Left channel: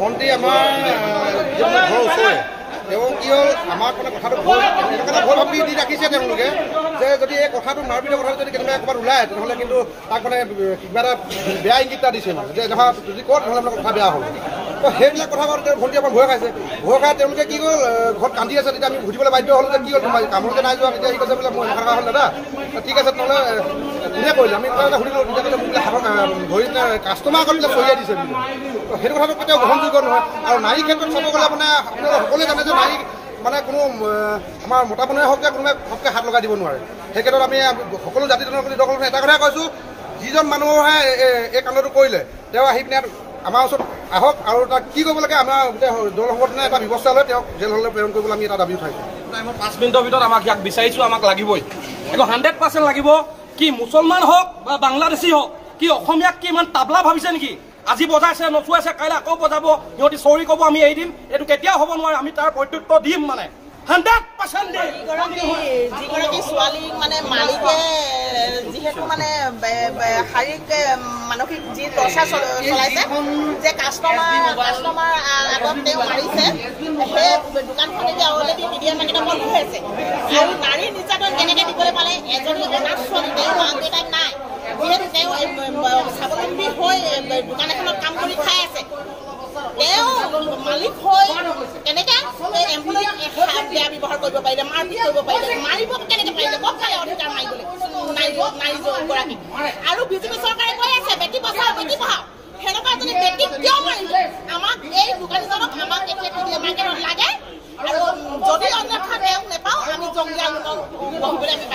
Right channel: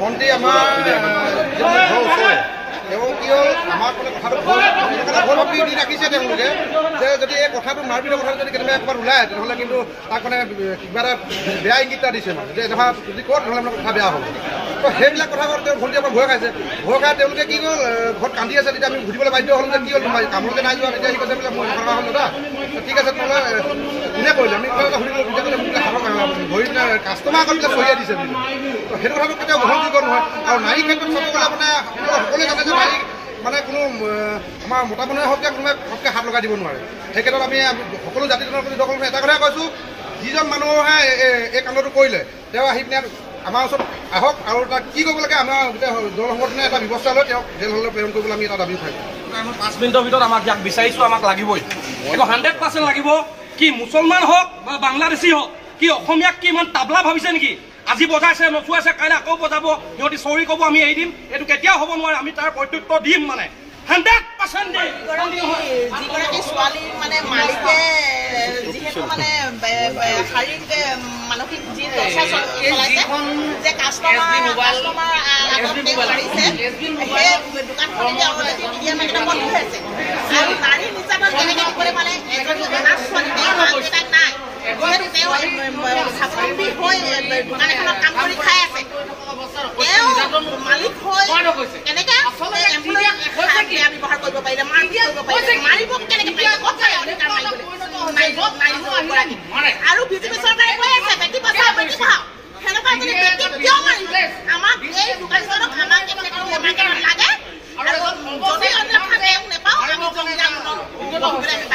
ভণ্টি আমাৰ ঘৰ ওচৰৰে তেওঁ কি হ'ল আমাৰ মানে কথাটো ভুল ভাবি দি ৰাখিছে তেওঁলোকে যে যদি এই কথাটো মাৰপিটৰ কথাটো যদি কেতিয়াবা ক'ৰবাত ওলায় তেনেহ'লে কিন্তু তাক মানে কিবা এটা বেয়া ইংগিত এটা দিছে মানে যে এনেকুৱা যদি কয় তেনেহ'লে মানে কথা বেয়া হ'ব। তো সেইবিলাক কথা কওঁতে ভণ্টি আমাৰ ভয় খাইছে। ভয় খাই তেওঁলোকে কি হ'ল ঘৰত কান্দি আছে। তেতিয়া আমি বুজিবলৈ বাধ্য হ'লোঁ যে কি হ'ল তোমাৰ কামলৈ নাই যোৱা। তেতিয়া সি কৈছে বোলে মই এনেকুৱা হ'ল দাদা ঠিক আছে তেনেহ'লে কোনে কৰিলে আমি কথা এটা সুধিলোঁ। তেতিয়া কৈছে মোক ভৰিত কাষ্টমাৰ আগত বোলে চহিয়াই দিছে বুলি। তো সেইটো কথাটো কেতিয়াও গ্ৰহণযোগ্য নহয়। আৰু নাৰীৰ ক্ষেত্ৰত চাব গ'লে মানে সকলোৱে জানে যে নাৰী মানে কোনো আমাৰ মতা মানুহে হওক যে কোনোবাই ফটকৈ হাত লগাই দিব নোৱাৰে। সেই ক্ষেত্ৰত আমি সকলো জাতি জনৰ প্ৰতি দখল এটা কথাই কৈছোঁ, যিজন মানুহে এই কাণ্ডটো কৰিলে তেওঁ আহি পিনে আমাৰ ওচৰত আহক আৰু তাক কি কৰিব লাগে আমাৰ গোটেই দল সংগঠনে এটা ব্যৱস্থা লৈ তেওঁক জেললৈ প্ৰেৰণ কৰিবলৈ আমি এটা দাবী উঠাইছোঁ। আমি 5 মিনিটৰ ভিতৰত আমাক ইয়াক বিচাৰিছোঁ, আমাক লাগিবই, এইটো 100% লাগিব। কি মুছলমান হওক বা বাংলাদেশী হওক, কি অসমীয়াক কি ইমান তাবলা ভাবিছে নেকি? আজি বজাইছে নচুৱাইছে, কাইলৈ আকৌ বজাব, সিহঁতি চৰি ক'ব আমি এৰি দিম, এইটো কেতিয়াও হ'ব নোৱাৰে। আমি তাৰ প্ৰত্যুত্তৰ দিম মানে 100% দিম। যিগৰাকী ছোৱালী মানে মালিকে যিহেতু মানে শাৰীৰিক মানসিক যি টৰ্চা চলাইছে যে কাষ্টমাৰ আগত তেওঁ মাৰিছে, সেই দোকানখন এতিয়া অলৰেডি মিডিয়া মেগেটত বন্ধ হৈ আছে। আৰু নাৰী নিৰ্যাতন কেনেকৈ দিবলৈ পালে? এজনী অনাথ ছোৱালী, তেওঁৰ মাক দেউতাক নাই, যিহেতু তেওঁ স্বাৱলম্বী হৈ দোকান এখনত কাম কৰি খাই আছে, তেওঁ মালিক হৈ কেনেকৈ এম্প্লয়ীক বেয়া ব্যৱহাৰ কৰিব পাৰিলে, মাৰপিট কৰিব পাৰিলে, মাৰিব কেনেকৈ পাৰিলে? ক'ত পালে অধিকাৰ মাৰিবলৈ নাৰীগৰাকীক? আৰু বিজেপি চৰকাৰে কৈ আছে বেটি বচাও বেটি পঢ়াও, সেনেকুৱা যদি বেটি কিয় মাৰিলে? আমাক এই দোকানীজনক আমাক মাৰ্কেটত লাগে, আৰু যদি অন্যথা তেওঁক নেপাওঁ আমি জংগী আন্দোলন কৰিবলৈ আমি